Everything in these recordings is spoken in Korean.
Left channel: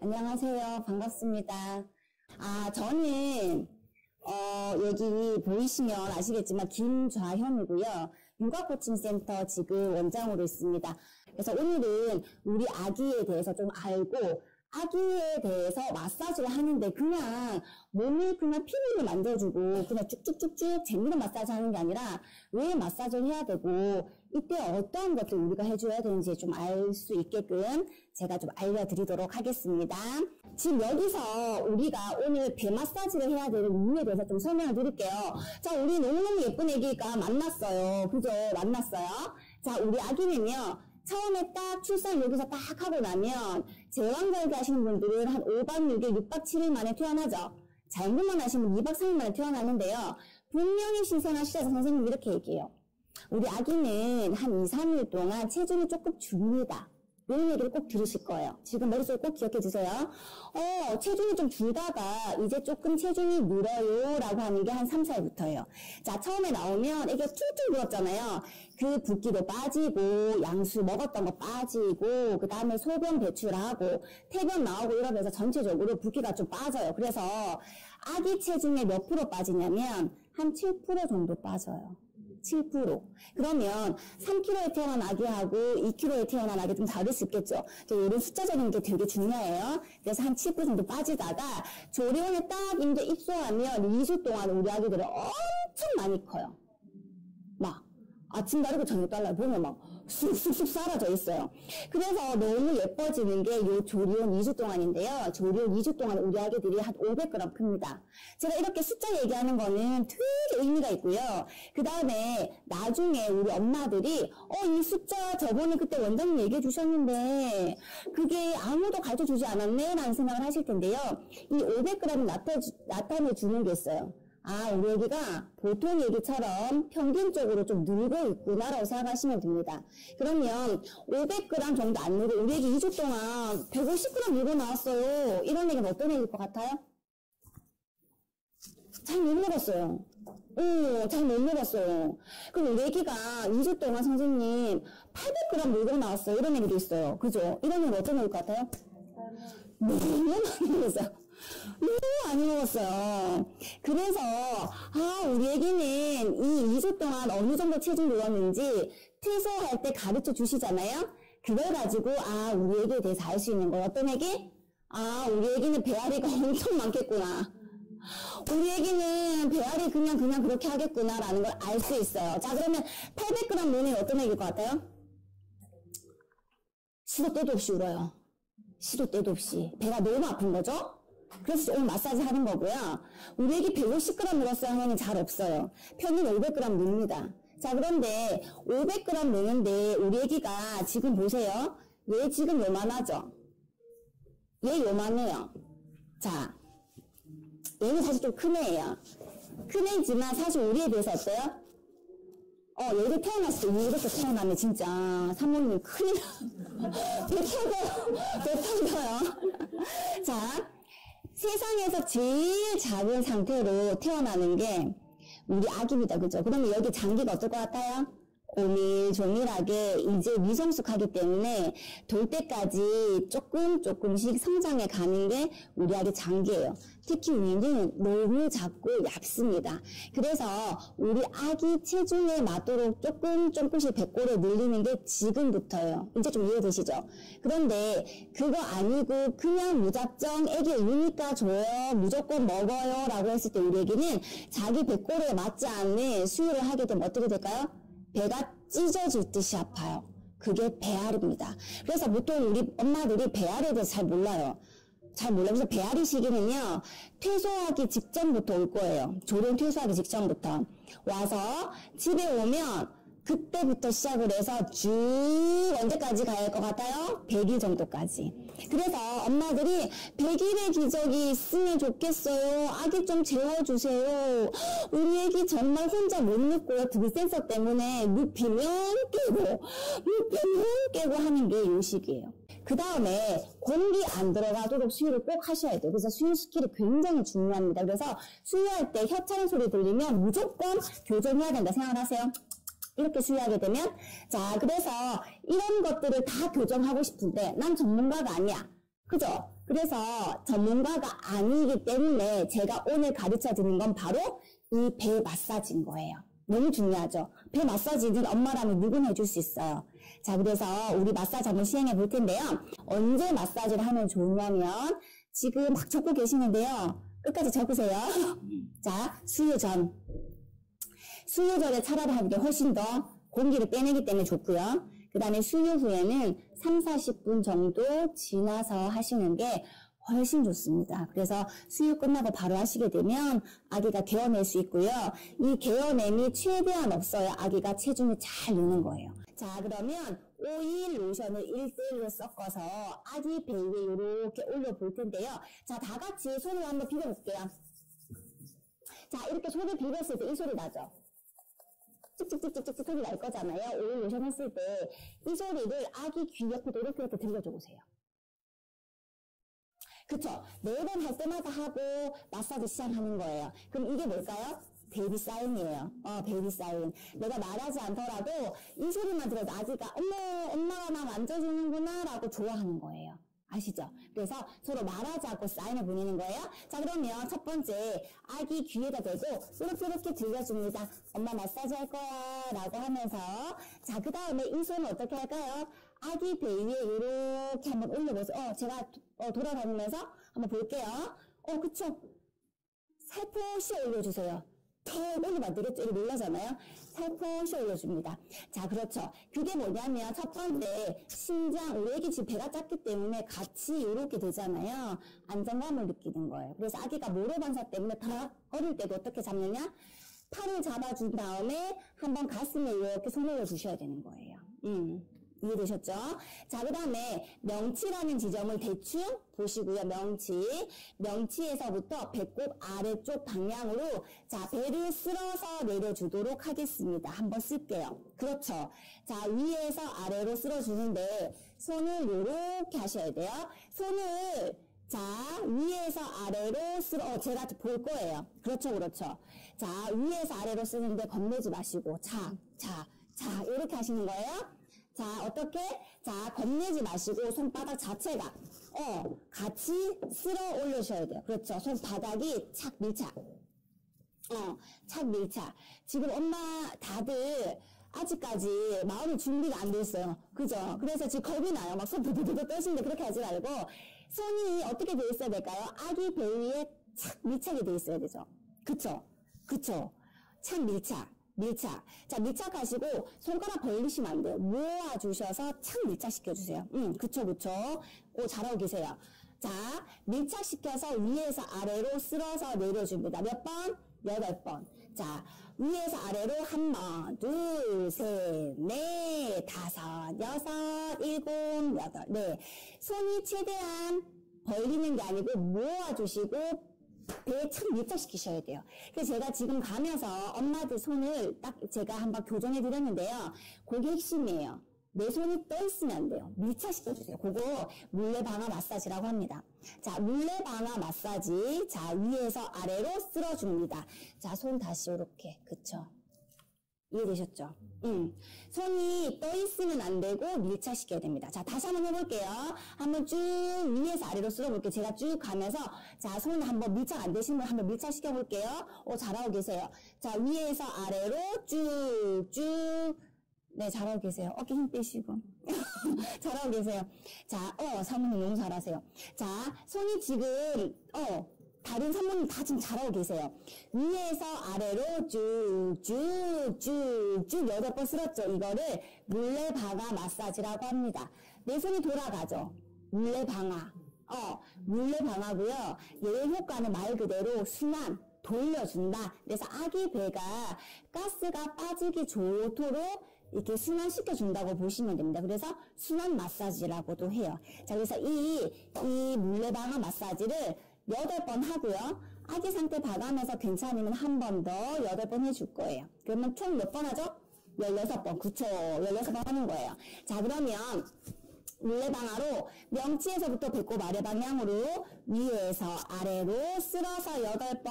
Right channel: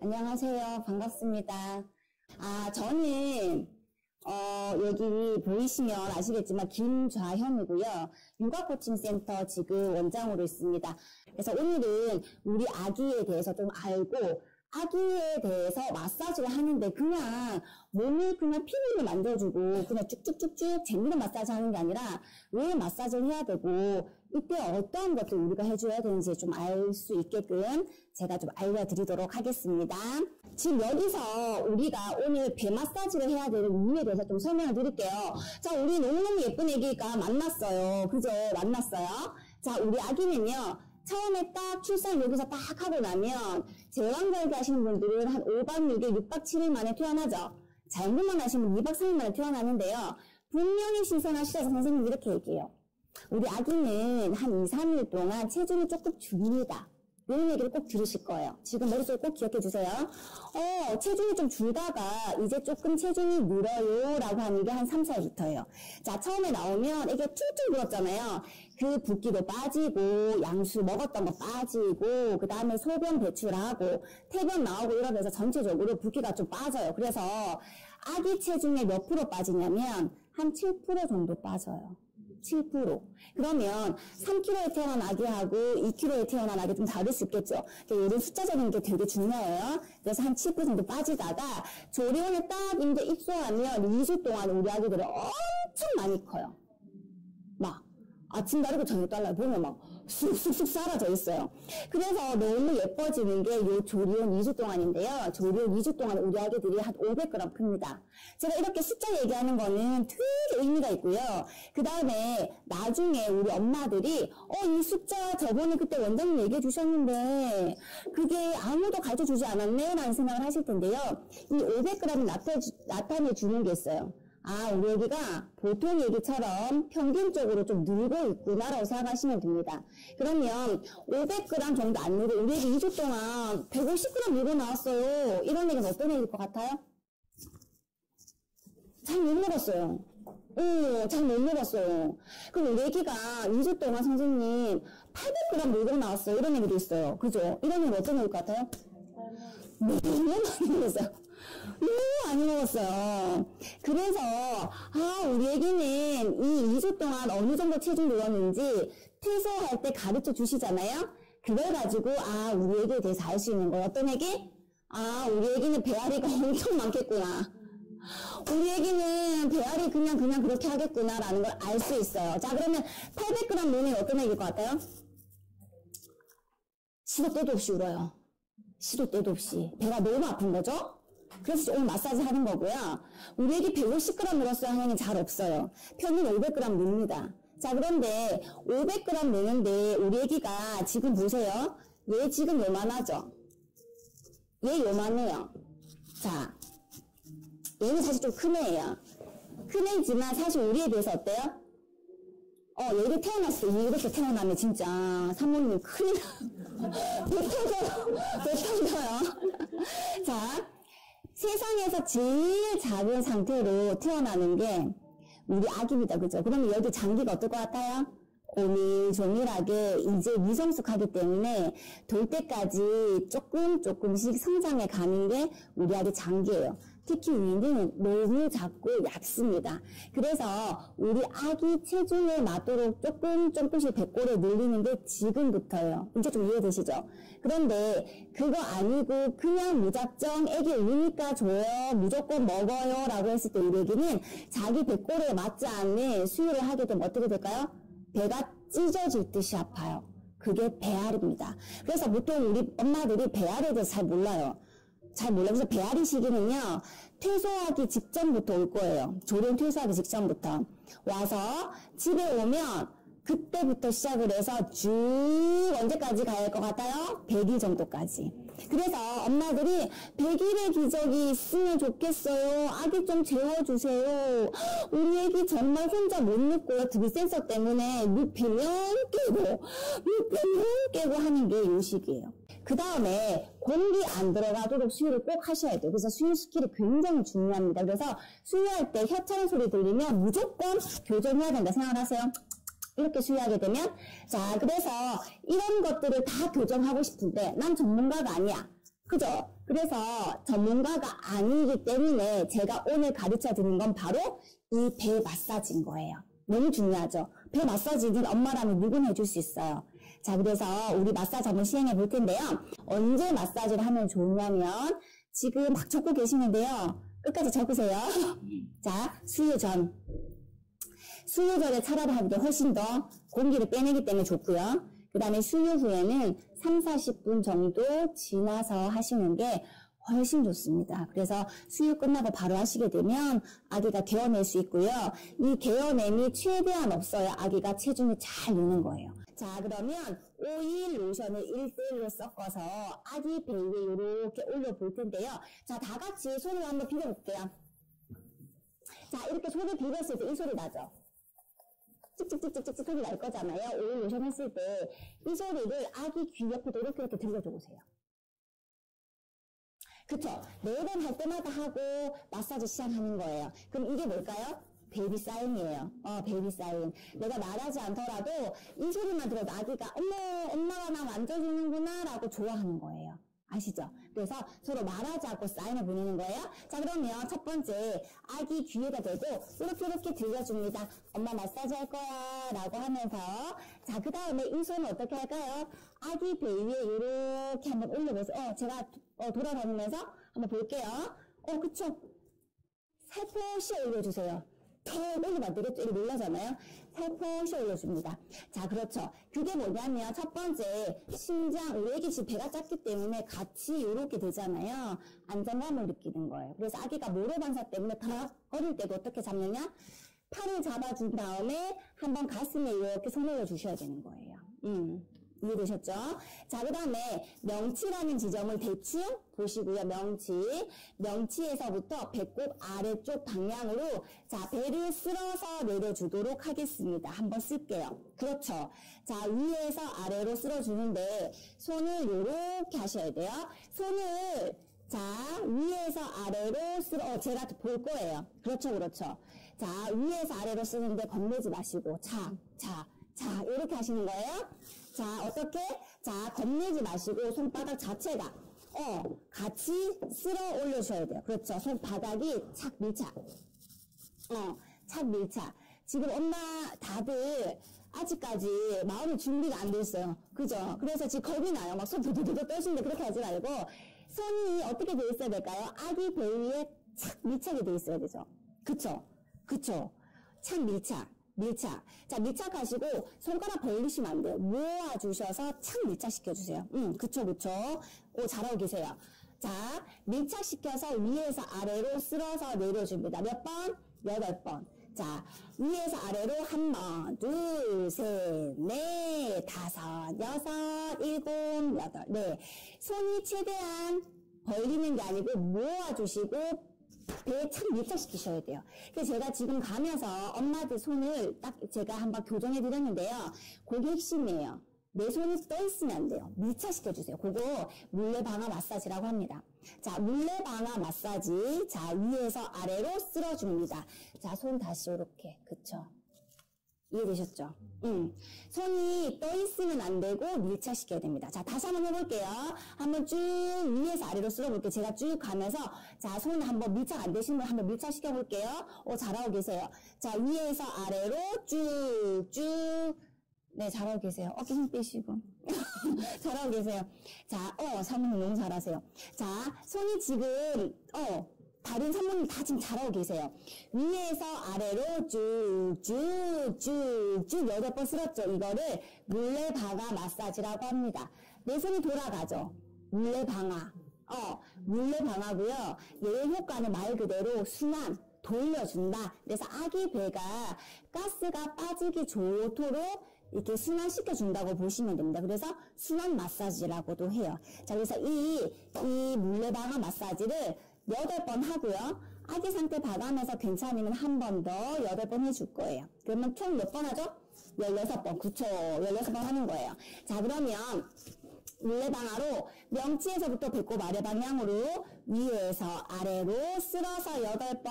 안녕하세요. 반갑습니다. 저는 여기 보이시면 아시겠지만 김좌현이고요. 육아코칭센터 지금 원장으로 있습니다. 그래서 오늘은 우리 아기에 대해서 좀 알고 아기에 대해서 마사지를 하는데 그냥 몸을 그냥 피부를 만져주고 그냥 쭉쭉쭉쭉 재미로 마사지 하는 게 아니라 왜 마사지를 해야 되고 이때 어떤 것들 우리가 해줘야 되는지 좀 알 수 있게끔 제가 좀 알려드리도록 하겠습니다. 지금 여기서 우리가 오늘 배 마사지를 해야 되는 이유에 대해서 좀 설명을 드릴게요. 자, 우리 너무너무 예쁜 애기가 만났어요. 그죠? 만났어요. 자, 우리 아기는요. 처음에 딱 출산 여기서 딱 하고 나면 제왕절개 하시는 분들은 한 5박 6일, 6박 7일 만에 퇴원하죠. 잘못만 하시면 2박 3일 만에 퇴원하는데요. 분명히 신선하시죠? 선생님 이렇게 얘기해요. 우리 아기는 한 2, 3일 동안 체중이 조금 줍니다. 이런 얘기를 꼭 들으실 거예요. 지금 머릿속에 꼭 기억해 주세요. 체중이 좀 줄다가 이제 조금 체중이 늘어요 라고 하는 게 한 3, 4일부터예요. 자, 처음에 나오면 이게 툴툴 불었잖아요. 그 붓기도 빠지고 양수 먹었던 거 빠지고 그 다음에 소변 배출하고 퇴변 나오고 이러면서 전체적으로 붓기가 좀 빠져요. 그래서 아기 체중의 몇 프로 빠지냐면 한 7% 정도 빠져요. 7%. 그러면 3kg에 태어난 아기하고 2kg에 태어난 아기 좀 다를 수 있겠죠. 이런 숫자적인 게 되게 중요해요. 그래서 한 7% 정도 빠지다가 조리원에 딱 이제 입소하면 2주 동안 우리 아기들은 엄청 많이 커요. 막 아침 다르고 저녁 달라 보면 막 쑥쑥쑥 사라져 있어요. 그래서 너무 예뻐지는 게 요 조리원 2주 동안인데요. 조리원 2주 동안 우리 아기들이 한 500g 큽니다. 제가 이렇게 숫자 얘기하는 거는 되게 의미가 있고요. 그 다음에 나중에 우리 엄마들이 이 숫자 저번에 그때 원장님 얘기해 주셨는데 그게 아무도 가르쳐 주지 않았네 라는 생각을 하실 텐데요. 이 500g이 나타내 주는 게 있어요. 우리 애기가 보통 애기처럼 평균적으로 좀 늘고 있구나라고 생각하시면 됩니다. 그러면 500g 정도 안 늘고 우리 애기 2주 동안 150g 늘고 나왔어요. 이런 얘기는 어떤 얘기일 것 같아요? 잘 못 늘었어요. 잘 못 늘었어요. 그럼 우리 애기가 2주 동안 선생님 800g 늘고 나왔어요. 이런 얘기도 있어요. 그죠? 이런 얘기는 어떤 얘기일 것 같아요? 너무 많이 늘었어요. 너무 안 먹었어요. 그래서 우리 애기는 이 2주 동안 어느 정도 체중 늘었는지 퇴소할 때 가르쳐 주시잖아요. 그걸 가지고 우리 애기에 대해서 알 수 있는 거예요. 어떤 애기? 우리 애기는 배앓이가 엄청 많겠구나. 우리 애기는 배앓이 그냥 그렇게 하겠구나 라는 걸 알 수 있어요. 자, 그러면 800g 눈이 어떤 애기일 것 같아요? 시도 때도 없이 울어요. 시도 때도 없이. 배가 너무 아픈 거죠? 그래서 오늘 마사지 하는 거고요. 우리 애기 150g 늘었어요 하면 잘 없어요. 평균 500g 늡니다. 자, 그런데 500g 느는데 우리 애기가 지금 보세요. 얘 지금 요만하죠? 얘 요만해요. 자, 얘는 사실 좀 큰 애예요. 큰 애지만 사실 우리 애에 비해서 어때요? 얘를 태어났을 때 이렇게 태어나면 진짜 사모님 큰일 못 터져요. 자, 세상에서 제일 작은 상태로 태어나는 게 우리 아기입니다. 그죠? 그러면 여기 장기가 어떨 것 같아요? 오밀조밀하게 이제 미성숙하기 때문에 돌 때까지 조금씩 성장해 가는 게 우리 아기 장기예요. 특히 위는 너무 작고 얇습니다. 그래서 우리 아기 체중에 맞도록 조금씩 배꼽을 늘리는 게 지금부터예요. 이제 좀 이해되시죠? 그런데 그거 아니고 그냥 무작정 애기 우니까 줘요, 무조건 먹어요 라고 했을 때 우리 애기는 자기 배꼽에 맞지 않는 수유를 하게 되면 어떻게 될까요? 배가 찢어질 듯이 아파요. 그게 배앓이입니다. 그래서 보통 우리 엄마들이 배앓이에 대해서 잘 몰라요. 그래서 배앓이 시기는요, 퇴소하기 직전부터 올 거예요. 조련 퇴소하기 직전부터. 와서 집에 오면 그때부터 시작을 해서 쭉 언제까지 가야 할 것 같아요? 100일 정도까지. 그래서 엄마들이 100일의 기적이 있으면 좋겠어요. 아기 좀 재워주세요. 우리 애기 정말 혼자 못 눕고요. 들센서 때문에 눕히면 깨고 하는 게 요 시기예요. 그 다음에 공기 안 들어가도록 수유를 꼭 하셔야 돼요. 그래서 수유 스킬이 굉장히 중요합니다. 그래서 수유할 때 혀차는 소리 들리면 무조건 교정해야 된다 생각하세요. 이렇게 수유하게 되면 그래서 이런 것들을 다 교정하고 싶은데 난 전문가가 아니야. 그죠? 그래서 그래서 전문가가 아니기 때문에 제가 오늘 가르쳐 드리는 건 바로 이 배 마사지인 거예요. 너무 중요하죠. 배 마사지는 엄마라면 누구나 해줄 수 있어요. 자, 그래서 우리 마사지 한번 시행해 볼 텐데요. 언제 마사지를 하면 좋냐면 지금 막 적고 계시는데요. 끝까지 적으세요. 자, 수유 전. 수유 전에 차라리 하는 게 훨씬 더 공기를 빼내기 때문에 좋고요. 그 다음에 수유 후에는 3, 40분 정도 지나서 하시는 게 훨씬 좋습니다. 그래서 수유 끝나고 바로 하시게 되면 아기가 개어낼 수 있고요. 이 개어냄이 최대한 없어야 아기가 체중이 잘 느는 거예요. 자, 그러면 오일 로션을 1대1로 섞어서 아기 배 위에 이렇게 올려볼 텐데요. 자, 다 같이 손을 한번 비벼볼게요. 자, 이렇게 손을 비볐을 때 이 소리 나죠? 찍찍찍찍찍 소리 날 거잖아요. 오일 로션 했을 때 이 소리를 아기 귀 옆으로 이렇게 들려줘 보세요. 그쵸? 매번 할 때마다 하고 마사지 시작하는 거예요. 그럼 이게 뭘까요? 베이비 사인이에요. 베이비 사인. 내가 말하지 않더라도 이 소리만 들어도 아기가 어머 엄마가 나 만져주는구나 라고 좋아하는 거예요. 아시죠? 그래서 서로 말하지 않고 사인을 보내는 거예요. 자, 그러면 첫 번째 아기 귀에다 대고 이렇게 들려줍니다. 엄마 마사지 할 거야 라고 하면서 자, 그 다음에 이 손은 어떻게 할까요? 아기 배 위에 이렇게 한번 올려보세요. 제가 돌아다니면서 한번 볼게요. 그쵸? 살포시 올려주세요. 더 올리면 되겠죠? 이렇게 놀라잖아요. 살포시 올려줍니다. 자, 그렇죠. 그게 뭐냐면 첫 번째 심장, 우리 애기 지금 배가 작기 때문에 같이 이렇게 되잖아요. 안정감을 느끼는 거예요. 그래서 아기가 모래반사 때문에 다 어릴 때도 어떻게 잡느냐? 팔을 잡아준 다음에 한번 가슴에 이렇게 손 올려주셔야 되는 거예요. 이해되셨죠? 자, 그 다음에 명치라는 지점을 대충 보시고요. 명치에서부터 배꼽 아래쪽 방향으로 자, 배를 쓸어서 내려주도록 하겠습니다. 한번 쓸게요. 그렇죠. 자, 위에서 아래로 쓸어주는데 손을 이렇게 하셔야 돼요. 손을 자, 위에서 아래로 제가 볼 거예요. 그렇죠, 그렇죠. 자, 위에서 아래로 쓰는데 겁내지 마시고 자, 이렇게 하시는 거예요. 자, 어떻게? 자, 겁내지 마시고 손바닥 자체가 같이 쓸어 올려주셔야 돼요. 그렇죠. 손바닥이 착 밀착. 착 밀착. 지금 엄마 다들 아직까지 마음의 준비가 안 돼 있어요. 그죠? 그래서 지금 겁이 나요. 막 손 도도도도 떠시는데 그렇게 하지 말고 손이 어떻게 돼 있어야 될까요? 아기 배 위에 착 밀착이 돼 있어야 되죠. 그쵸? 착 밀착. 자, 밀착하시고 손가락 벌리시면 안 돼요. 모아주셔서 착 밀착시켜주세요. 그쵸. 잘하고 계세요. 자, 밀착시켜서 위에서 아래로 쓸어서 내려줍니다. 몇 번? 8번. 자, 위에서 아래로 1번, 2, 3, 4, 5, 6, 7, 8. 네. 손이 최대한 벌리는 게 아니고 모아주시고 배에 착 밀착시키셔야 돼요. 그래서 제가 지금 가면서 엄마들 손을 딱 제가 한번 교정해 드렸는데요. 그게 핵심이에요. 내 손이 떠 있으면 안 돼요. 밀착시켜주세요. 그거 물레방아 마사지라고 합니다. 자, 물레방아 마사지. 자, 위에서 아래로 쓸어줍니다. 자, 손 다시 이렇게. 그쵸? 이해되셨죠? 손이 떠 있으면 안 되고 밀착시켜야 됩니다. 자, 다시 한번 해볼게요. 한번 쭉 위에서 아래로 쓸어볼게요. 제가 쭉 가면서 자, 손 한번 밀착 안 되시면 한번 밀착시켜볼게요. 잘하고 계세요. 자, 위에서 아래로 쭉쭉 네, 잘하고 계세요. 어깨 힘 빼시고. 잘하고 계세요. 자, 사모님 너무 잘하세요. 자, 손이 지금, 다른 사모님 다 지금 잘하고 계세요. 위에서 아래로 쭉쭉쭉쭉 8번 쓸었죠. 이거를 물레방아 마사지라고 합니다. 내 손이 돌아가죠. 물레방아. 물레방아고요. 얘 효과는 말 그대로 순환, 돌려준다. 그래서 아기 배가 가스가 빠지기 좋도록 이렇게 순환시켜준다고 보시면 됩니다. 그래서 순환 마사지라고도 해요. 자, 그래서 이 물레방아 마사지를 8번 하고요. 아기 상태 봐가면서 괜찮으면 한 번 더 8번 해줄 거예요. 그러면 총 몇 번 하죠? 16번. 그쵸. 16번 하는 거예요. 자, 그러면 물레방아로 명치에서부터 배꼽 아래 방향으로 위에서 아래로 쓸어서 8번,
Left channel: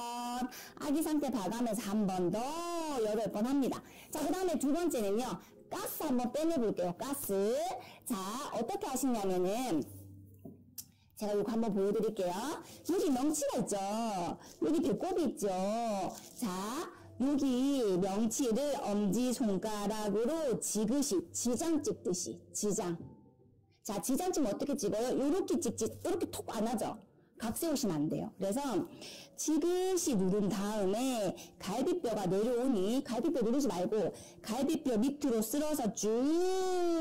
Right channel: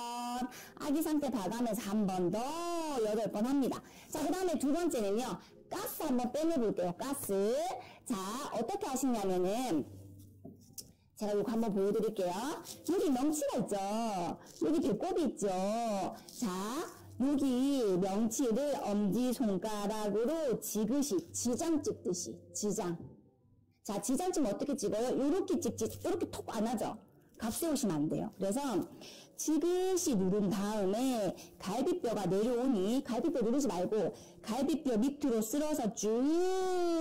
아기 상태 봐가면서 한 번 더 8번 합니다. 자, 그 다음에 두 번째는요. 가스 한번 빼내볼게요. 가스. 자, 어떻게 하시냐면은 제가 이거 한번 보여드릴게요. 여기 명치가 있죠. 여기 배꼽이 있죠. 자, 여기 명치를 엄지손가락으로 지그시, 지장 찍듯이, 지장. 자, 지장 찍으면 어떻게 찍어요? 요렇게 찍지, 요렇게 톡 안 하죠? 각 세우시면 안 돼요. 그래서 지그시 누른 다음에 갈비뼈가 내려오니 갈비뼈 누르지 말고 갈비뼈 밑으로 쓸어서 쭉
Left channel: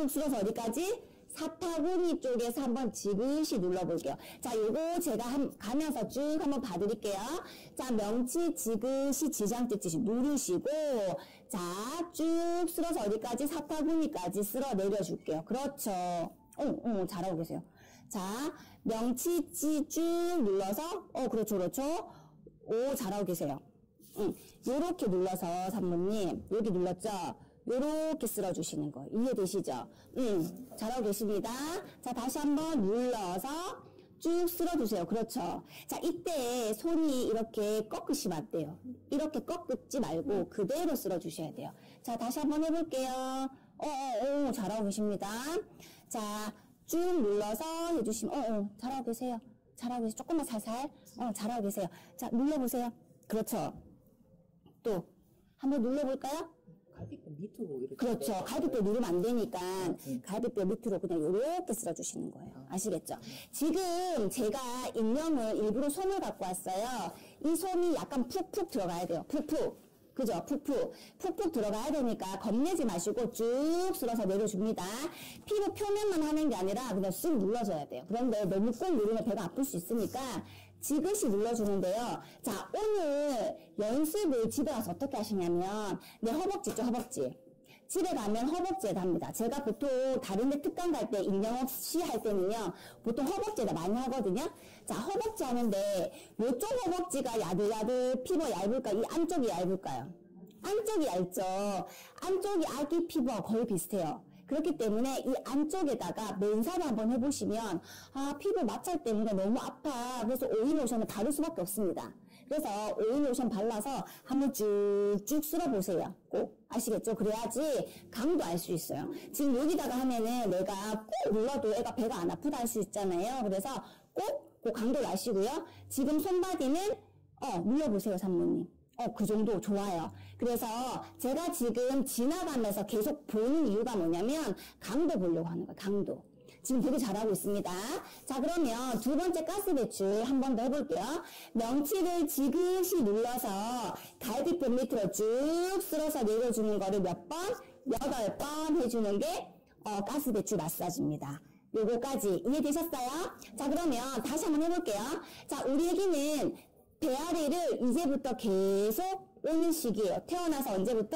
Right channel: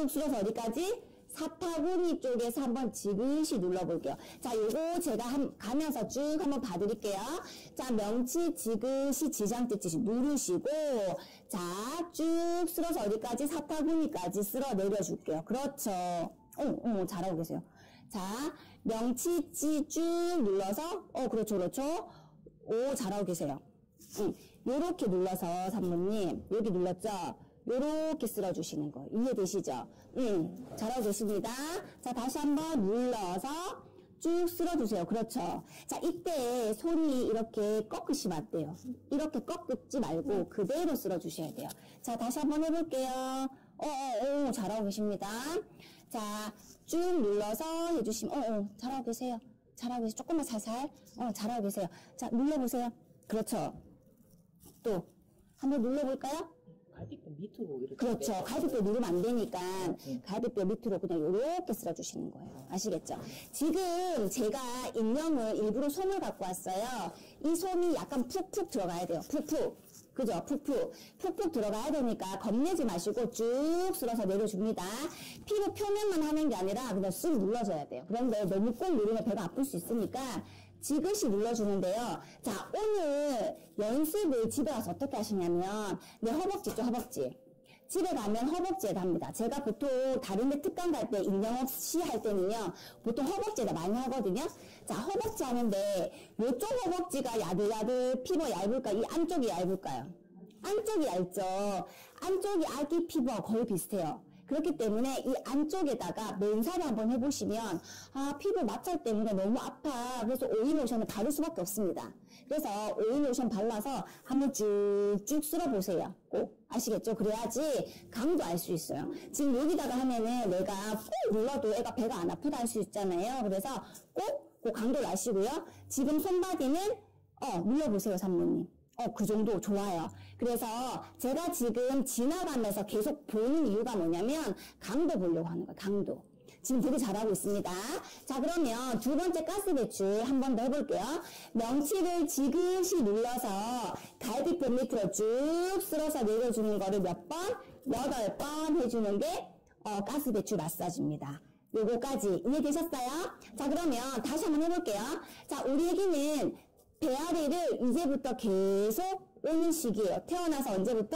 쓸어서 어디까지? 사타구니 쪽에서 한번 지그시 눌러볼게요. 자, 요거 제가 가면서 쭉 한번 봐드릴게요. 자, 명치 지그시 지장 찍듯이 누르시고, 자, 쭉 쓸어서 어디까지? 사타구니까지 쓸어 내려줄게요. 그렇죠. 잘하고 계세요. 자, 명치지 쭉 눌러서, 그렇죠, 그렇죠. 오, 잘하고 계세요. 요렇게 눌러서, 산모님, 여기 눌렀죠? 요렇게 쓸어주시는 거. 이해되시죠? 잘하고 계십니다. 자, 다시 한번 눌러서 쭉 쓸어주세요. 그렇죠. 자, 이때 손이 이렇게 꺾으시면 안 돼요. 이렇게 꺾지 말고 그대로 쓸어주셔야 돼요. 자, 다시 한번 해볼게요. 잘하고 계십니다. 자, 쭉 눌러서 해주시면, 잘하고 계세요. 잘하고 계세요. 조금만 살살. 잘하고 계세요. 자, 눌러보세요. 그렇죠. 또, 한번 눌러볼까요? 갈비뼈 밑으로 이렇게. 그렇죠. 갈비뼈 누르면 안 되니까 갈비뼈 밑으로 그냥 이렇게 쓸어주시는 거예요. 아시겠죠? 지금 제가 인형을 일부러 솜을 갖고 왔어요. 이 솜이 약간 푹푹 들어가야 돼요. 푹푹. 그죠? 푹푹. 푹푹 들어가야 되니까 겁내지 마시고 쭉 쓸어서 내려줍니다. 피부 표면만 하는 게 아니라 그냥 쓱 눌러줘야 돼요. 그런데 너무 꾹 누르면 배가 아플 수 있으니까 지그시 눌러주는데요. 자, 오늘 연습을 집에 가서 어떻게 하시냐면, 내 허벅지 있죠, 허벅지. 집에 가면 허벅지에다 합니다. 제가 보통 다른 데 특강 갈 때, 인형 없이 할 때는요, 보통 허벅지에다 많이 하거든요. 자, 허벅지 하는데, 요쪽 허벅지가 야들야들 피부가 얇을까요? 이 안쪽이 얇을까요? 안쪽이 얇죠. 안쪽이 아기 피부와 거의 비슷해요. 그렇기 때문에 이 안쪽에다가 맨살을 한번 해보시면 피부 마찰 때문에 너무 아파. 그래서 오일 로션을 바를 수밖에 없습니다. 그래서 오일 로션 발라서 한번 쭉쭉 쓸어보세요. 꼭 아시겠죠? 그래야지 감도 알 수 있어요. 지금 여기다가 하면은 내가 꼭 눌러도 애가 배가 안 아프다 할 수 있잖아요. 그래서 꼭 감도를 아시고요. 지금 손바디는 눌러보세요, 산모님. 그 정도 좋아요. 그래서 제가 지금 지나가면서 계속 보는 이유가 뭐냐면 강도 보려고 하는 거예요. 강도. 지금 되게 잘하고 있습니다. 자, 그러면 두 번째 가스 배출 한 번 더 해볼게요. 명치를 지그시 눌러서 갈비뼈 밑으로 쭉 쓸어서 내려주는 거를 몇 번? 8번 해주는 게 가스 배출 마사지입니다. 요거까지 이해되셨어요? 자, 그러면 다시 한번 해볼게요. 자, 우리 애기는 배앓이를 이제부터 계속 오는 시기예요. 태어나서 언제부터?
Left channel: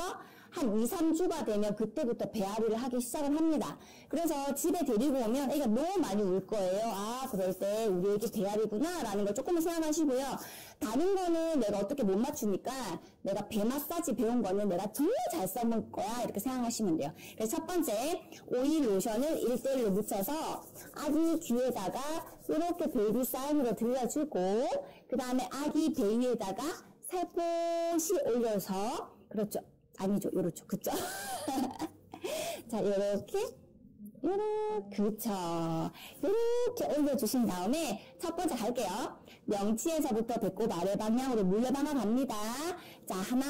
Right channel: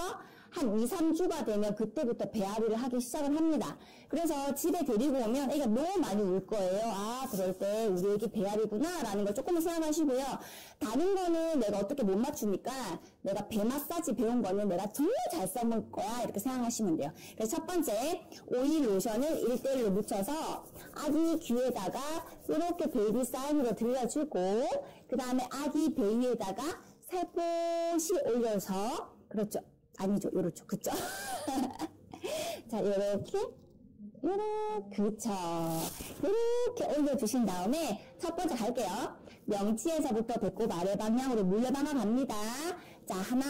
한 2, 3주가 되면 그때부터 배앓이를 하기 시작을 합니다. 그래서 집에 데리고 오면 애가 너무 많이 울 거예요. 그럴 때 우리 애기 배앓이구나 라는 걸 조금만 생각하시고요. 다른 거는 내가 어떻게 못 맞추니까 내가 배 마사지 배운 거는 내가 정말 잘 써볼 거야 이렇게 생각하시면 돼요. 그래서 첫 번째 오일 로션을 1대1로 묻혀서 아기 귀에다가 이렇게 베이비 사인으로 들려주고 그 다음에 아기 배 위에다가 살포시 올려서 그렇죠. 아니죠. 요렇죠. 그쵸? 자, 요렇게 그쵸. 요렇게 올려주신 다음에 첫 번째 갈게요. 명치에서부터 배꼽 아래 방향으로 물려다가 갑니다. 자, 하나,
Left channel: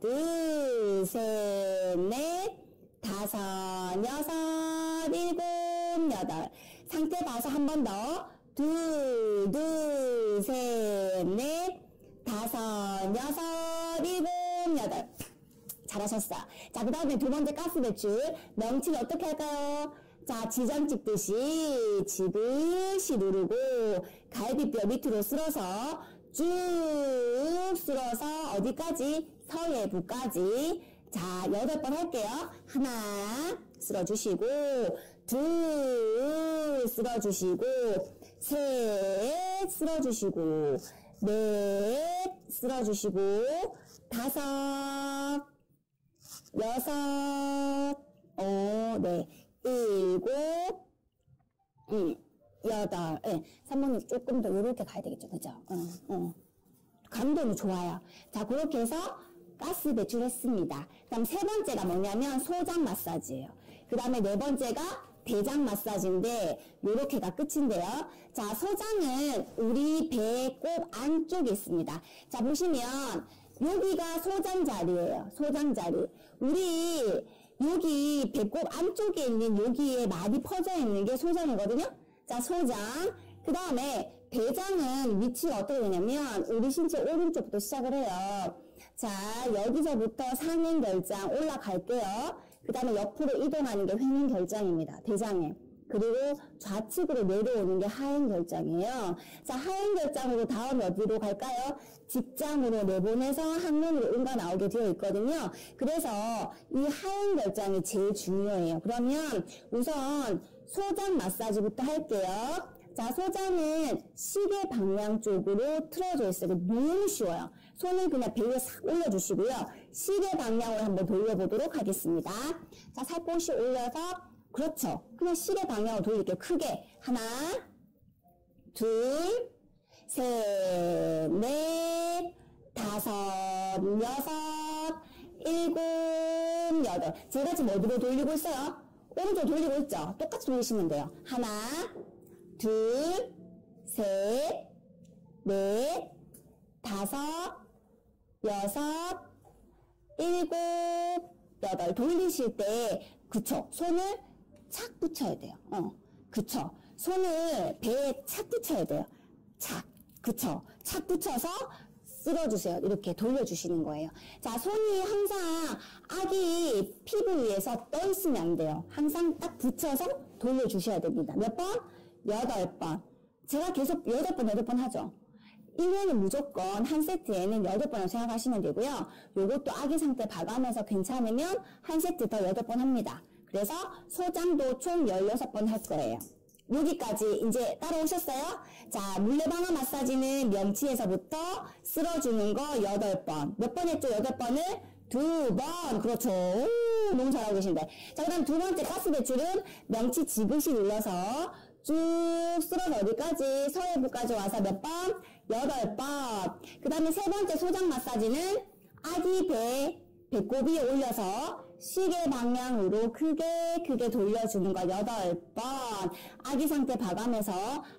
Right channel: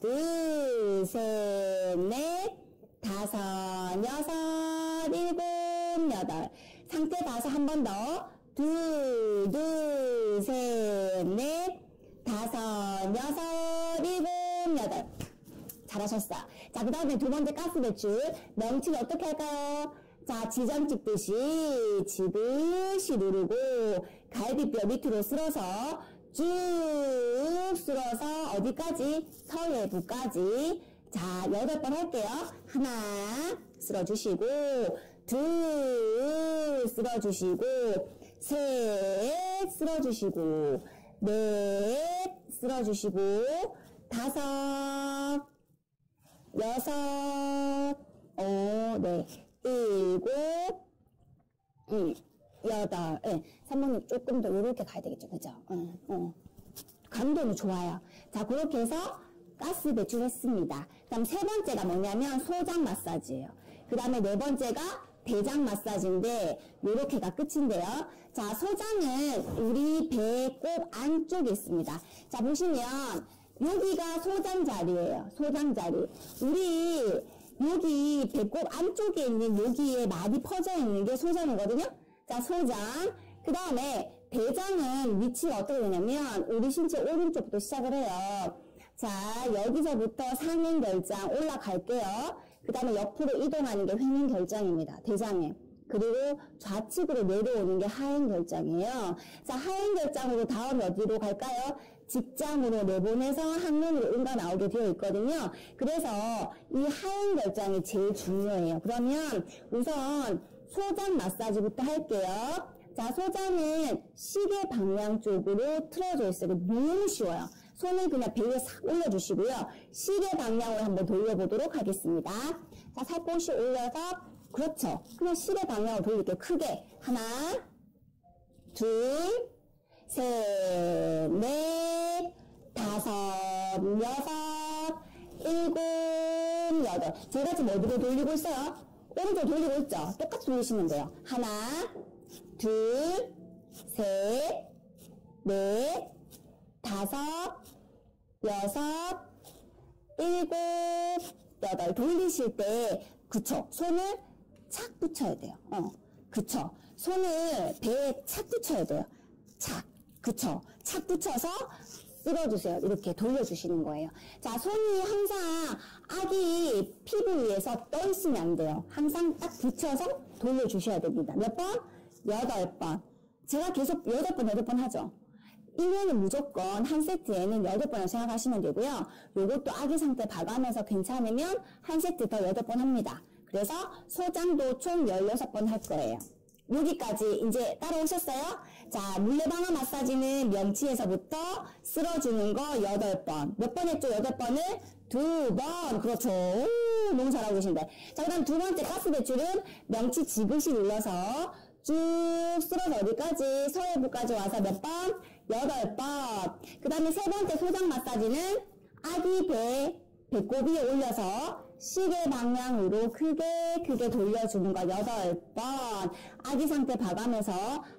둘, 셋, 넷, 다섯, 여섯, 일곱, 여덟. 상태 봐서 한 번 더. 둘, 셋, 넷, 다섯, 여섯, 일곱, 여덟. 잘하셨어. 자, 그 다음에 두 번째 가스 배출. 명치를 어떻게 할까요? 자, 지장 찍듯이 지그시 누르고 갈비뼈 밑으로 쓸어서 쭉 쓸어서 어디까지? 서예부까지. 자, 8번 할게요. 하나 쓸어주시고 둘 쓸어주시고 셋 쓸어주시고 넷 쓸어주시고 다섯 여섯 네 일곱 여덟 산모님 조금 더 이렇게 가야 되겠죠. 그죠? 감도는 좋아요. 자, 그렇게 해서 가스 배출했습니다. 그 다음 세 번째가 뭐냐면 소장 마사지예요. 그 다음에 네 번째가 대장 마사지인데 요렇게가 끝인데요. 자, 소장은 우리 배꼽 안쪽에 있습니다. 자, 보시면 여기가 소장 자리예요. 소장 자리. 우리 여기 배꼽 안쪽에 있는 여기에 많이 퍼져 있는 게 소장이거든요. 자, 소장. 그 다음에 대장은 위치가 어떻게 되냐면 우리 신체 오른쪽부터 시작을 해요. 자, 여기서부터 상행결장 올라갈게요. 그 다음에 옆으로 이동하는 게 횡행결장입니다. 대장에. 그리고 좌측으로 내려오는 게 하행결장이에요. 자, 하행결장으로 다음 어디로 갈까요? 직장으로 내보내서 항문으로 응가 나오게 되어 있거든요. 그래서 이 하행결장이 제일 중요해요. 그러면 우선 소장 마사지부터 할게요. 자, 소장은 시계 방향 쪽으로 틀어져 있어요. 너무 쉬워요. 손을 그냥 배에 싹 올려주시고요. 시계 방향으로 한번 돌려보도록 하겠습니다. 자, 살포시 올려서, 그렇죠. 그냥 시계 방향으로 돌릴게요. 크게. 하나, 둘, 셋, 넷, 다섯, 여섯, 일곱, 여덟. 제가 지금 어디로 돌리고 있어요? 오른쪽 돌리고 있죠? 똑같이 돌리시면 돼요. 하나, 둘, 셋, 넷, 다섯, 여섯, 일곱, 여덟. 돌리실 때, 그쵸. 손을 착 붙여야 돼요. 그쵸. 손을 배에 착 붙여야 돼요. 착. 그쵸. 착 붙여서 쓸어주세요. 이렇게 돌려주시는 거예요. 자, 손이 항상 아기 피부 위에서 떠 있으면 안 돼요. 항상 딱 붙여서 돌려주셔야 됩니다. 몇 번? 8번. 제가 계속 8번 하죠. 1회는 무조건 한 세트에는 8번을 생각하시면 되고요. 요것도 아기 상태 봐가면서 괜찮으면 한 세트 더 8번 합니다. 그래서 소장도 총 16번 할 거예요. 여기까지 이제 따라오셨어요? 자, 물레방아 마사지는 명치에서부터 쓸어주는 거 8번. 몇 번 했죠? 8번을? 2번. 그렇죠. 오, 너무 잘하고 계신데. 자, 그 다음 두 번째 가스 배출은 명치 지그시 눌러서 쭉 쓸어서 어디까지? 서해부까지 와서 몇 번? 8번. 그 다음에 세 번째 소장 마사지는 아기 배꼽 위에 올려서 시계 방향으로 크게 돌려주는 거 8번. 아기 상태 봐가면서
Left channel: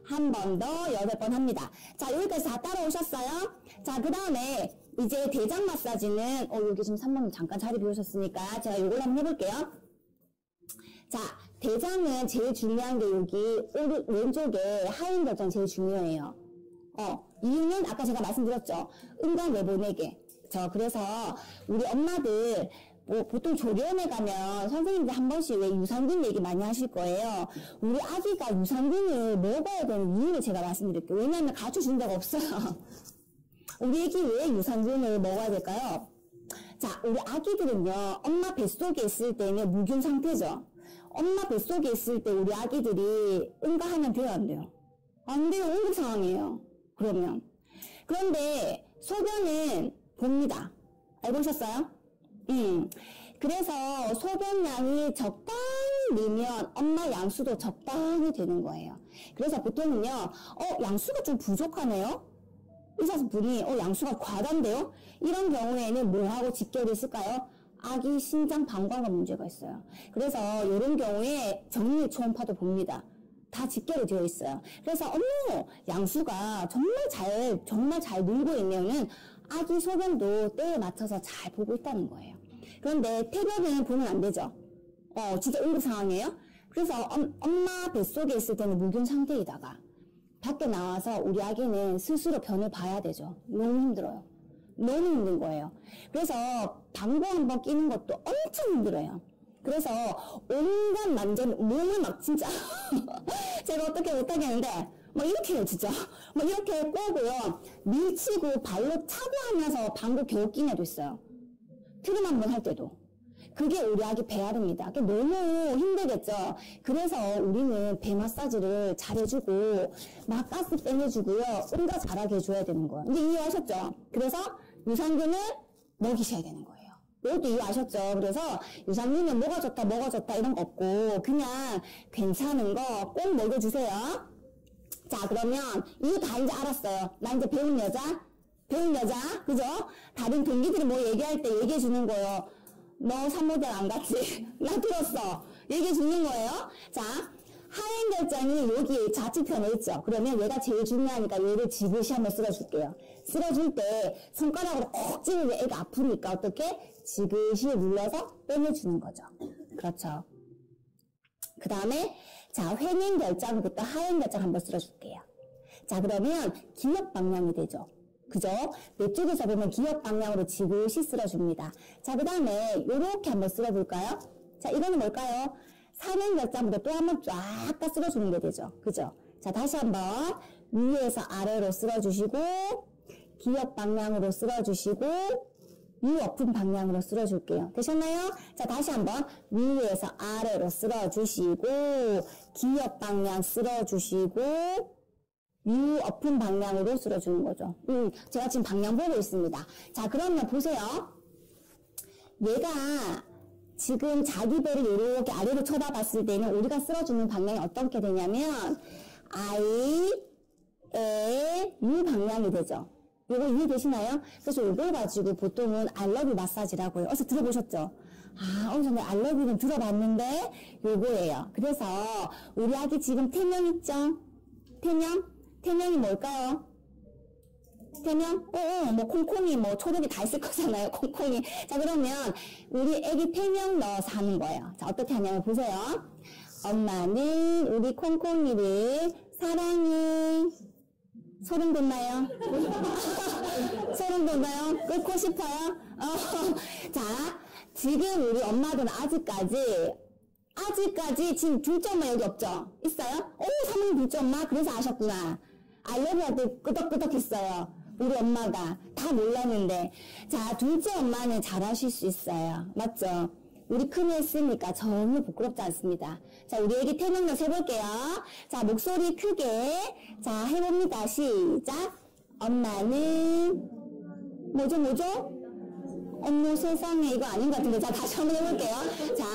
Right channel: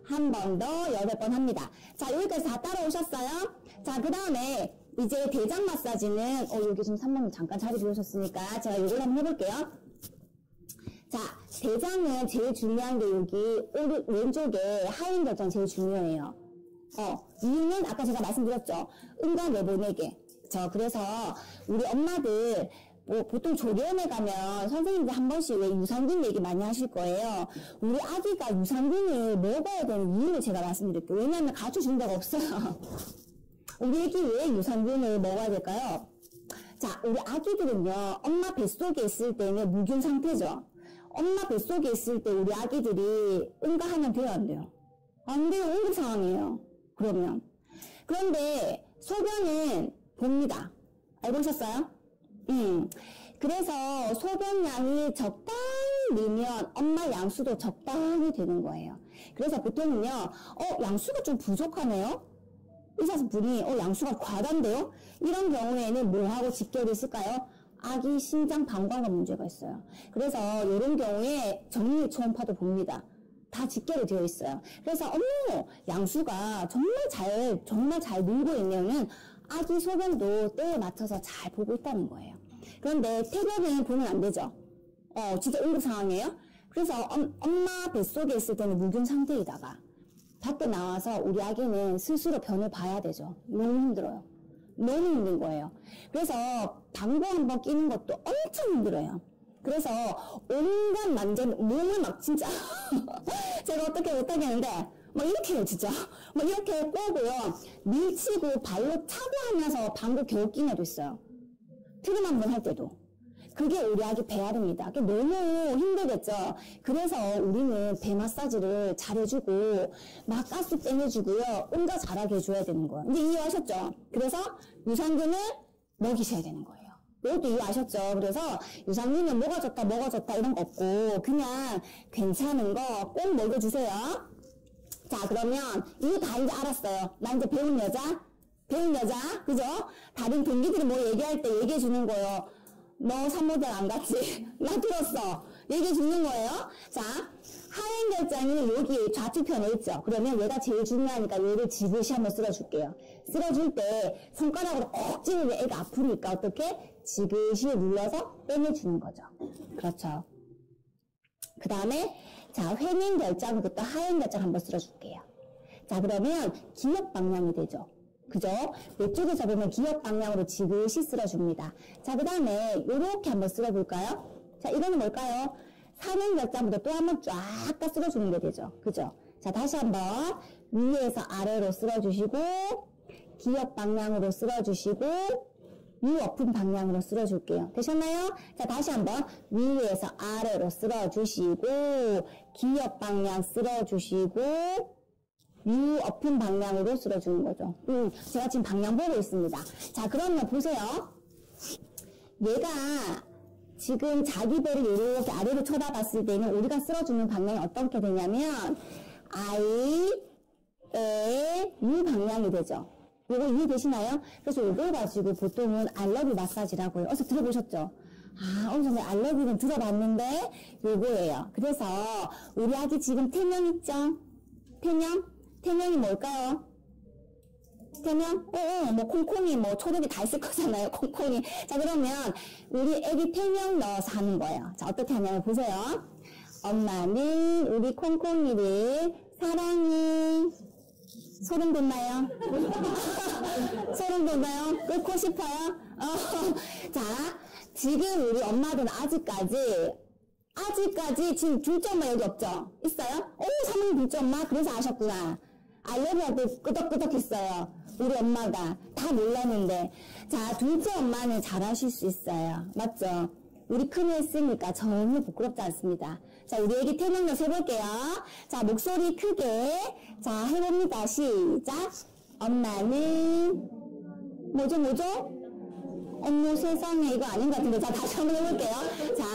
한 번 더 8번 합니다. 자, 여기까지 다 따라오셨어요? 자, 그 다음에 이제 대장 마사지는, 여기 지금 3번님 잠깐 자리 비우셨으니까 제가 이걸 한번 해볼게요. 자, 대장은 제일 중요한 게 여기 왼쪽에 하행결장 제일 중요해요. 이유는 아까 제가 말씀드렸죠. 응가 내보내게. 그래서 우리 엄마들 보통 조리원에 가면 선생님들 한 번씩 왜 유산균 얘기 많이 하실 거예요. 우리 아기가 유산균을 먹어야 되는 이유를 제가 말씀드릴게요. 왜냐하면 가르쳐준 데가 없어요. 우리 아기 왜 유산균을 먹어야 될까요? 자, 우리 아기들은요, 엄마 뱃속에 있을 때는 무균 상태죠. 엄마 뱃속에 있을 때 우리 아기들이 응가하면 돼요, 안 돼요? 안 돼요. 응급 상황이에요. 그러면. 그런데 소변은 봅니다. 알고셨어요? 그래서 소변량이 적당히 넣으면 엄마 양수도 적당히 되는 거예요. 그래서 보통은요, 양수가 좀 부족하네요? 의사분이, 양수가 과다인데요? 이런 경우에는 뭐하고 직결이 있을까요? 아기 신장 방광과 문제가 있어요. 그래서 이런 경우에 정밀 초음파도 봅니다. 다 직결이 되어 있어요. 그래서 양수가 정말 잘 늘고 있냐면 아기 소변도 때에 맞춰서 잘 보고 있다는 거예요. 그런데 태변은 보면 안 되죠. 진짜 응급 상황이에요. 그래서 엄마 뱃속에 있을 때는 무균 상태이다가 밖에 나와서 우리 아기는 스스로 변을 봐야 되죠. 너무 힘들어요. 너무 힘든 거예요. 그래서 방구 한번 끼는 것도 엄청 힘들어요. 그래서 온갖 몸을 막 진짜 제가 어떻게 못하겠는데 이렇게 해요 진짜. 이렇게 꼬고요. 밀치고 발로 차고 하면서 방구 겨우 끼는 애도 있어요. 트림 한번 할 때도. 그게 우리 아기 배앓입니다. 그게 너무 힘들겠죠. 그래서 우리는 배 마사지를 잘해주고 막 가스 빼내주고요. 응가 잘하게 해줘야 되는 거예요. 이제 이해하셨죠? 그래서 유산균을 먹이셔야 되는 거예요. 이것도 이해하셨죠? 그래서 유산균은 뭐가 좋다 이런 거 없고 그냥 괜찮은 거 꼭 먹여주세요. 자, 그러면 이거 다 이제 알았어요. 나 이제 배운 여자, 그죠? 다른 동기들이 뭐 얘기할 때 얘기해 주는 거예요. 너 산모대학 안 갔지? 나 들었어. 얘기해 주는 거예요. 자, 하행 결장이 여기 좌측편에 있죠. 그러면 얘가 제일 중요하니까 얘를 지그시 한번 쓸어줄게요. 쓸어줄 때 손가락으로 콕 찌르면 애가 아프니까 어떻게? 지그시 눌러서 빼내주는 거죠. 그렇죠. 그 다음에 자, 횡행 결장부터 하행 결장 한번 쓸어줄게요. 자, 그러면 기역 방향이 되죠. 그죠? 이쪽에서 보면 기역 방향으로 지그시 쓸어줍니다. 자, 그 다음에 이렇게 한번 쓸어볼까요? 자, 이거는 뭘까요? 사행 결장부터 또 한번 쫙 다 쓸어주는 게 되죠. 그죠? 자, 다시 한번 위에서 아래로 쓸어주시고 기역 방향으로 쓸어주시고 엎은 방향으로 쓸어줄게요. 되셨나요? 자, 다시 한번 위에서 아래로 쓸어주시고 기역 방향 쓸어주시고 엎은 방향으로 쓸어주는 거죠. 제가 지금 방향 보고 있습니다. 자, 그러면 보세요. 얘가 지금 자기 배를 이렇게 아래로 쳐다봤을 때는 우리가 쓸어주는 방향이 어떻게 되냐면 U 방향이 되죠. 이거 이해되시나요? 그래서 이걸 가지고 보통은 알러뷰 마사지라고 해요. 어서 들어보셨죠? 아, 어느 정도 알러뷰는 들어봤는데 요거예요. 그래서 우리 아기 지금 태명 있죠? 태명? 태명이 뭘까요? 태명? 뭐 콩콩이 뭐 초록이 다 있을 거잖아요. 콩콩이. 자, 그러면 우리 애기 태명 넣어서 하는 거예요. 자, 어떻게 하냐면 보세요. 엄마는 우리 콩콩이를 사랑해. 소름 돋나요? 소름 돋나요? 끓고 싶어요? 자, 지금 우리 엄마들은 아직까지 지금 둘째 엄마 여기 없죠? 있어요? 사모님 둘째 엄마? 그래서 아셨구나. 알려면 끄덕끄덕 했어요. 우리 엄마가. 다 몰랐는데. 자, 둘째 엄마는 잘하실 수 있어요. 맞죠? 우리 큰이 했으니까 전혀 부끄럽지 않습니다. 자, 우리 애기 태명력 해볼게요. 자, 목소리 크게. 자, 해봅니다. 시작. 엄마는, 뭐죠? 어머, 세상에, 이거 아닌 것 같은데. 자, 다시 한번 해볼게요. 자,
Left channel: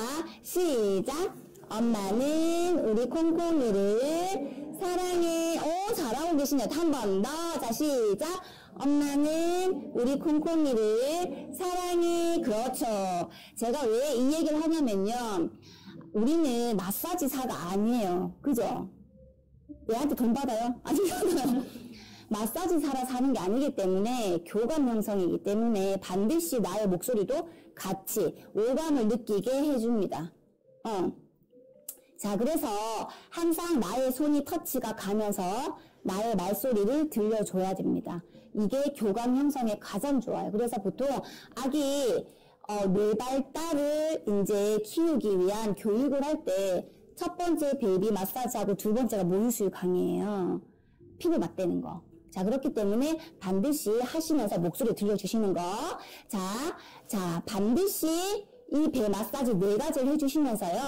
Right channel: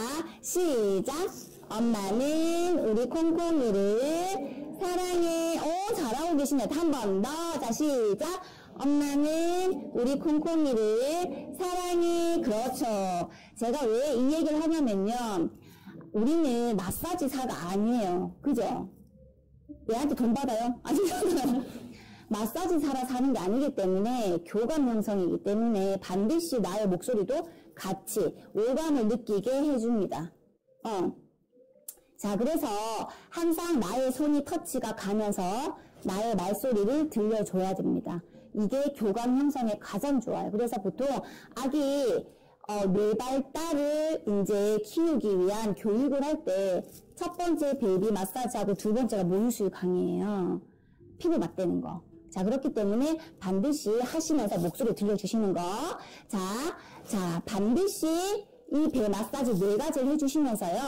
시작. 엄마는 우리 콩콩이를 사랑해. 잘하고 계시네요. 한 번 더. 자, 시작. 엄마는 우리 콩콩이를 사랑해. 그렇죠. 제가 왜 이 얘기를 하냐면요. 우리는 마사지사가 아니에요. 그죠? 얘한테 돈 받아요? 아니잖아요. 마사지사라 사는 게 아니기 때문에 교감 형성이기 때문에 반드시 나의 목소리도 같이 오감을 느끼게 해줍니다. 자, 그래서 항상 나의 손이 터치가 가면서 나의 말소리를 들려줘야 됩니다. 이게 교감 형성에 가장 좋아요. 그래서 보통 아기 뇌 발달을 이제 키우기 위한 교육을 할 때 첫 번째 베이비 마사지하고 두 번째가 모유수유 강의예요. 피부 맞대는 거. 자, 그렇기 때문에 반드시 하시면서 목소리 들려주시는 거. 자, 반드시 이 배 마사지 4가지를 해주시면서요.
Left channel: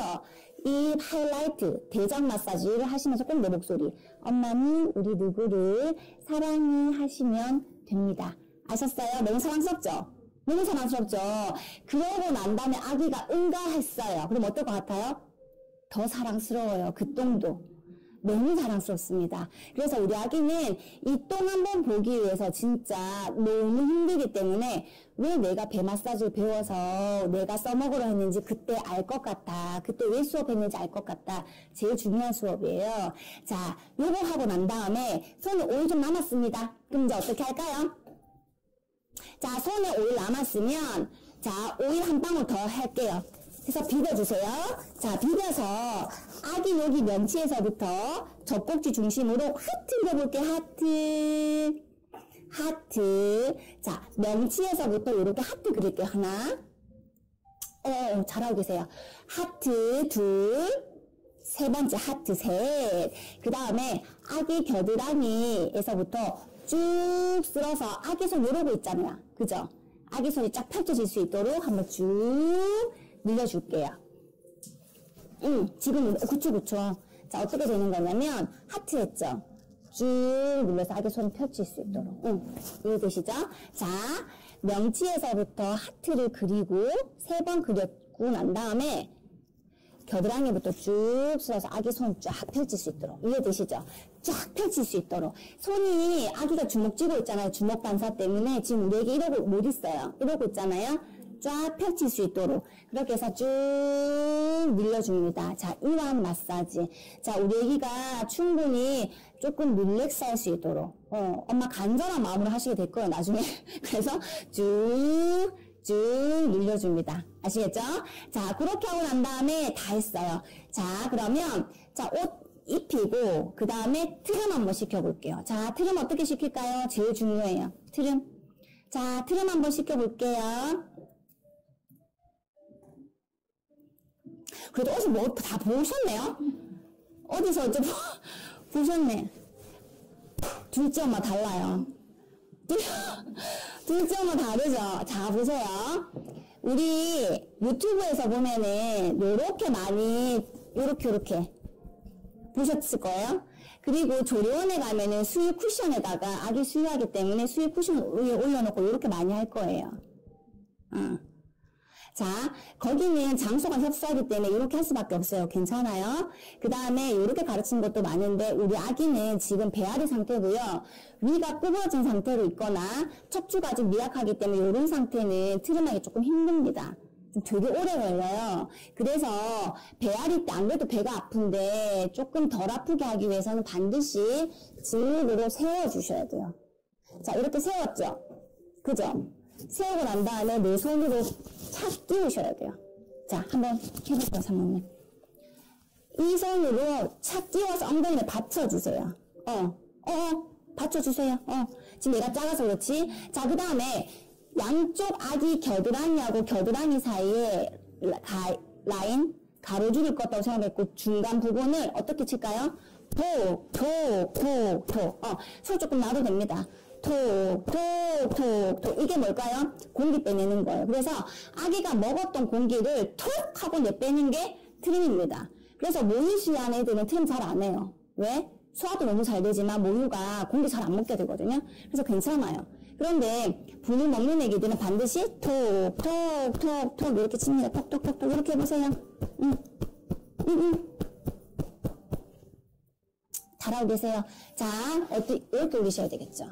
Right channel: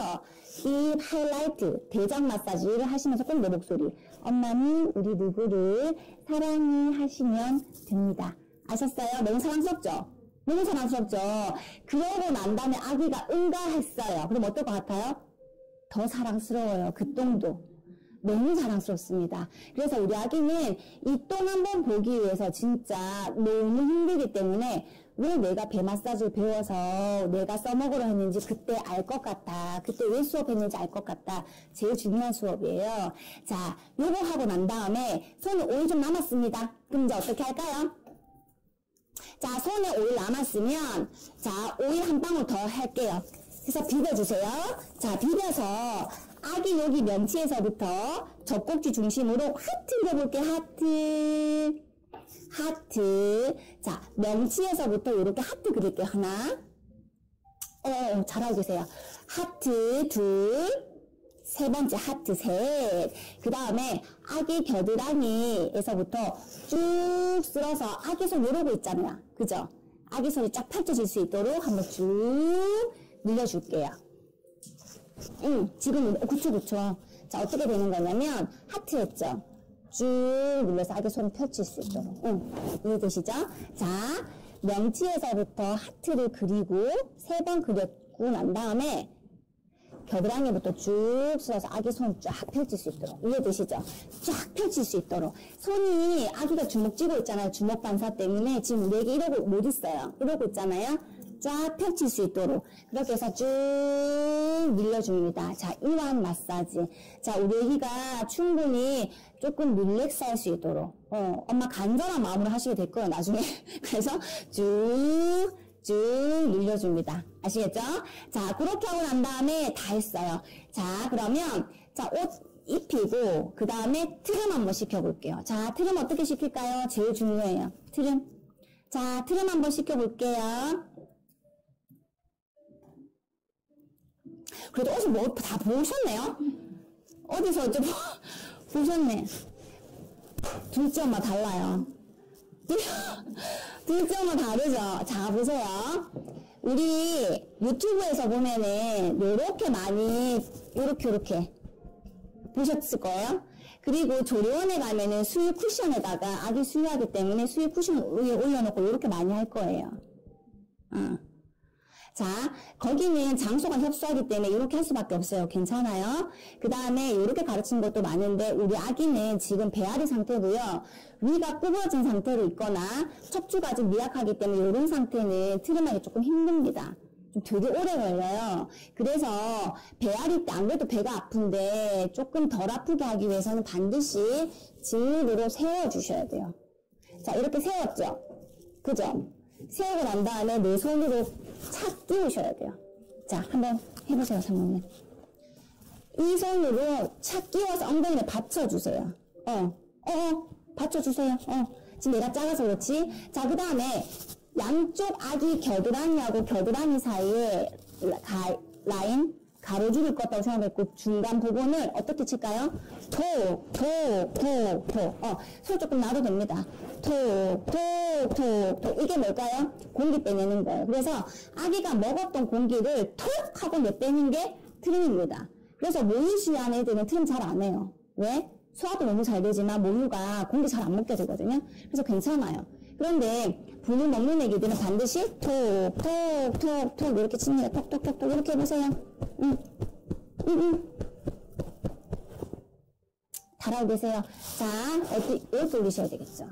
이 하이라이트, 대장 마사지를 하시면서 꼭 내 목소리. 엄마는 우리 누구를 사랑해 하시면 됩니다. 아셨어요? 너무 사랑스럽죠? 너무 사랑스럽죠? 그러고 난 다음에 아기가 응가했어요. 그럼 어떨 것 같아요? 더 사랑스러워요. 그 똥도. 너무 사랑스럽습니다. 그래서 우리 아기는 이 똥 한번 보기 위해서 진짜 너무 힘들기 때문에 왜 내가 배 마사지를 배워서 내가 써먹으려 했는지 그때 알 것 같아. 그때 왜 수업했는지 알 것 같다. 제일 중요한 수업이에요. 자, 요거 하고 난 다음에 손에 오일 좀 남았습니다. 그럼 이제 어떻게 할까요? 자, 손에 오일 남았으면 자, 오일 한 방울 더 할게요. 그래서 비벼주세요. 자, 비벼서 아기 여기 명치에서부터 젖꼭지 중심으로 하트 그려볼게요. 하트. 자, 명치에서부터 이렇게 하트 그릴게요. 하나. 잘하고 계세요. 하트 둘. 세 번째 하트 셋. 그 다음에 아기 겨드랑이에서부터 쭉 쓸어서 아기 손 이러고 있잖아요. 그죠? 아기 손이 쫙 펼쳐질 수 있도록 한번 쭉 늘려줄게요. 지금 그쵸. 자, 어떻게 되는 거냐면 하트 했죠? 쭉 눌러서 아기 손 펼칠 수 있도록. 이해되시죠? 자, 명치에서부터 하트를 그리고 3번 그렸고 난 다음에 겨드랑이부터 쭉 쓸어서 아기 손 쫙 펼칠 수 있도록. 이해되시죠? 쫙 펼칠 수 있도록. 손이 아기가 주먹 쥐고 있잖아요. 주먹 반사 때문에 지금 우리 애기 이러고 못 있어요. 이러고 있잖아요. 쫙 펼칠 수 있도록 그렇게 해서 쭉 밀려줍니다. 자, 이완 마사지. 자, 우리 애기가 충분히 조금 릴렉스 할 수 있도록 엄마 간절한 마음으로 하시게 될 거예요, 나중에. 그래서 쭉 눌려줍니다. 아시겠죠? 자, 그렇게 하고 난 다음에 다 했어요. 자, 그러면 자, 옷 입히고 그 다음에 트림 한번 시켜볼게요. 자, 트림 어떻게 시킬까요? 제일 중요해요. 트림. 자, 트림 한번 시켜볼게요. 그래도 어디서 뭐 다 보셨네요? 어디서 좀 보셨네. 둘째 엄마 달라요. 둘째 엄마 다르죠? 자, 보세요. 우리 유튜브에서 보면은 요렇게 많이 요렇게 보셨을 거예요. 그리고 조리원에 가면은 수유 쿠션에다가 아기 수유하기 때문에 수유 쿠션 위에 올려놓고 이렇게 많이 할 거예요. 자, 거기는 장소가 협소하기 때문에 이렇게 할 수밖에 없어요. 괜찮아요? 그 다음에 이렇게 가르치는 것도 많은데 우리 아기는 지금 배앓이 상태고요. 위가 구부러진 상태로 있거나 척추가 좀 미약하기 때문에 이런 상태는 트림하기 조금 힘듭니다. 좀 되게 오래 걸려요. 그래서 배앓이 때 안 그래도 배가 아픈데 조금 덜 아프게 하기 위해서는 반드시 진흙으로 세워주셔야 돼요. 자, 이렇게 세웠죠? 그죠? 세우고 난 다음에 내 손으로 착 끼우셔야 돼요. 자, 한번 해보세요, 사모님. 이 손으로 착 끼워서 엉덩이를 받쳐주세요. 받쳐주세요. 지금 얘가 작아서 그렇지. 자, 그 다음에 양쪽 아기 겨드랑이하고 겨드랑이 사이에 라인, 가로줄을 껐다고 생각했고 중간 부분을 어떻게 칠까요? 손 조금 놔도 됩니다. 이게 뭘까요? 공기 빼내는 거예요. 그래서 아기가 먹었던 공기를 톡 하고 내빼는 게 트림입니다. 그래서 모유 수유한 애들은 트림 잘 안 해요. 왜? 소화도 너무 잘 되지만 모유가 공기 잘 안 먹게 되거든요. 그래서 괜찮아요. 그런데 분유 먹는 애기들은 반드시 톡 이렇게 치는 거예요. 톡 이렇게 해보세요. 잘하고 계세요. 자, 이렇게 올리셔야 되겠죠.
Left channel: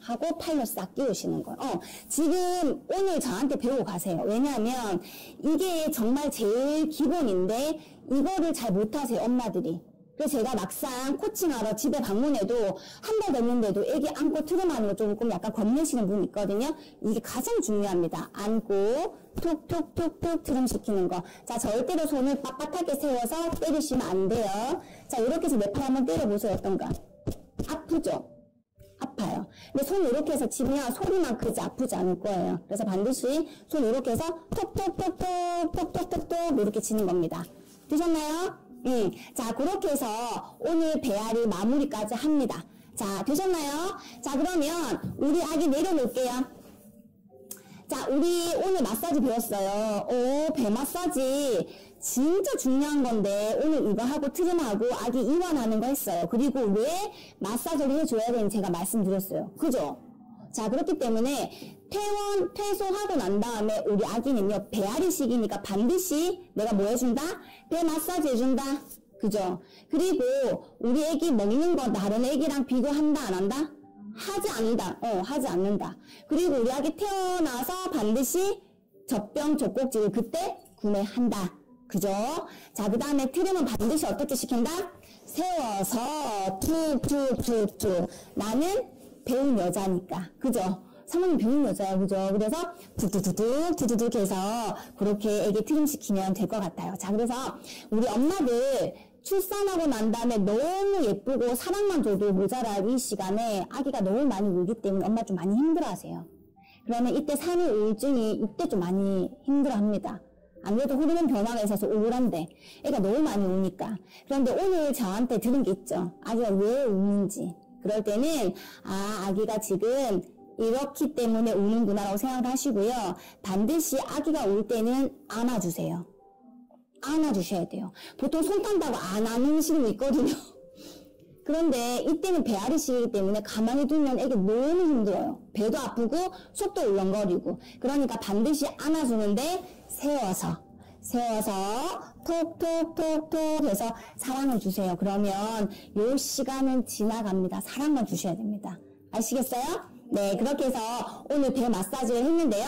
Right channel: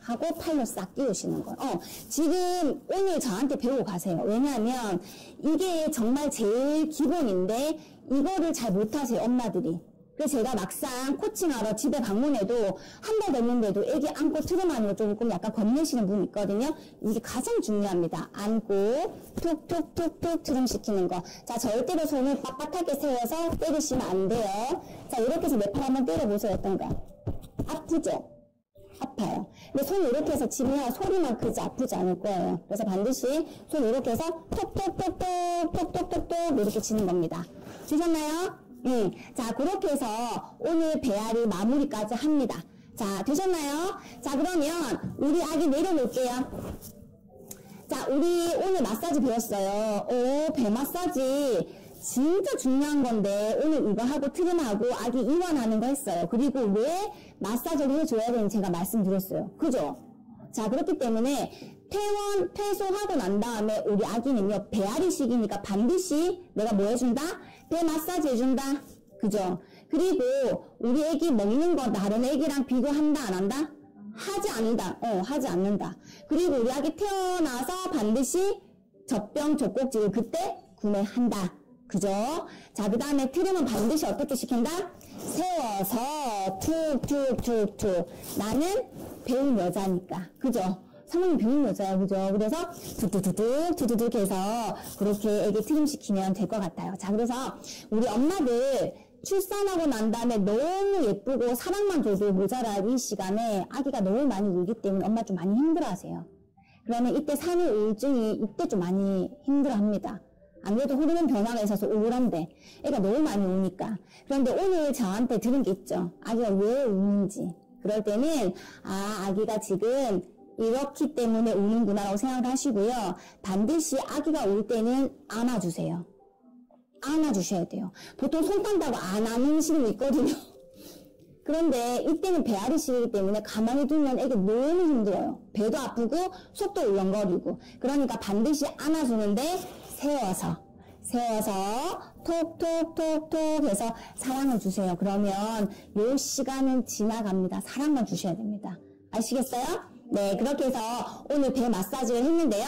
하고 팔로 싹 끼우시는 거예요. 지금 오늘 저한테 배우고 가세요. 왜냐하면 이게 정말 제일 기본인데 이거를 잘 못하세요, 엄마들이. 그래서 제가 막상 코칭하러 집에 방문해도 한 달 됐는데도 애기 안고 트림하는 거 조금 약간 겁내시는 분 있거든요. 이게 가장 중요합니다. 안고 톡 트림시키는 거. 자, 절대로 손을 빳빳하게 세워서 때리시면 안 돼요. 자, 이렇게 해서 내 팔 한번 때려보세요. 어떤가? 아프죠? 아파요. 근데 손 이렇게 해서 치면 소리만 크지 아프지 않을 거예요. 그래서 반드시 손 이렇게 해서 톡톡 이렇게 치는 겁니다. 되셨나요? 자, 그렇게 해서 오늘 배앓이 마무리까지 합니다. 자, 되셨나요? 자, 그러면 우리 아기 내려놓을게요. 자, 우리 오늘 마사지 배웠어요. 배 마사지 진짜 중요한 건데 오늘 이거 하고 트림하고 아기 이완하는 거 했어요. 그리고 왜 마사지를 해줘야 되는지 제가 말씀드렸어요. 그죠? 자, 그렇기 때문에 퇴소하고 난 다음에 우리 아기는요, 배앓이 시기니까 반드시 내가 뭐 해준다? 배 마사지 해준다. 그죠? 그리고 우리 애기 먹는 거 다른 애기랑 비교한다, 안 한다? 하지 않는다. 그리고 우리 아기 태어나서 반드시 젖병, 젖꼭지를 그때 구매한다. 그죠? 자, 그 다음에 트림은 반드시 어떻게 시킨다? 세워서 툭툭툭툭. 나는 배운 여자니까. 그죠? 사모님 배운 여자야. 그죠? 그래서 두두둑 해서 그렇게 애기 트림 시키면 될 것 같아요. 자, 그래서 우리 엄마들 출산하고 난 다음에 너무 예쁘고 사랑만 줘도 모자랄 이 시간에 아기가 너무 많이 울기 때문에 엄마 좀 많이 힘들어하세요. 그러면 이때 산후 우울증이 이때 좀 많이 힘들어합니다. 안 그래도 호르몬 변화가 있어서 우울한데 애가 너무 많이 우니까. 그런데 오늘 저한테 들은 게 있죠. 아기가 왜 우는지. 그럴 때는 아기가 지금 이렇기 때문에 우는구나라고 생각을 하시고요. 반드시 아기가 울 때는 안아주세요. 안아주셔야 돼요. 보통 손 딴다고 안 안으시는 분 있거든요. 그런데 이때는 배앓이 시기이기 때문에 가만히 두면 애기 너무 힘들어요. 배도 아프고 속도 울렁거리고. 그러니까 반드시 안아주는데 세워서 톡톡톡톡 해서 사랑을 주세요. 그러면 요 시간은 지나갑니다. 사랑만 주셔야 됩니다. 아시겠어요? 네, 그렇게 해서 오늘 배 마사지를 했는데요.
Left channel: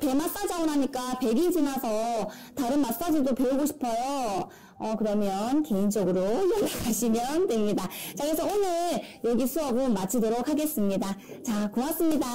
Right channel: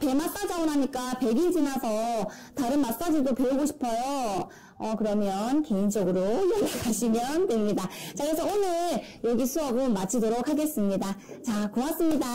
배 마사지 하고 나니까 100일 지나서 다른 마사지도 배우고 싶어요. 그러면 개인적으로 연락하시면 됩니다. 자, 그래서 오늘 여기 수업은 마치도록 하겠습니다. 자, 고맙습니다.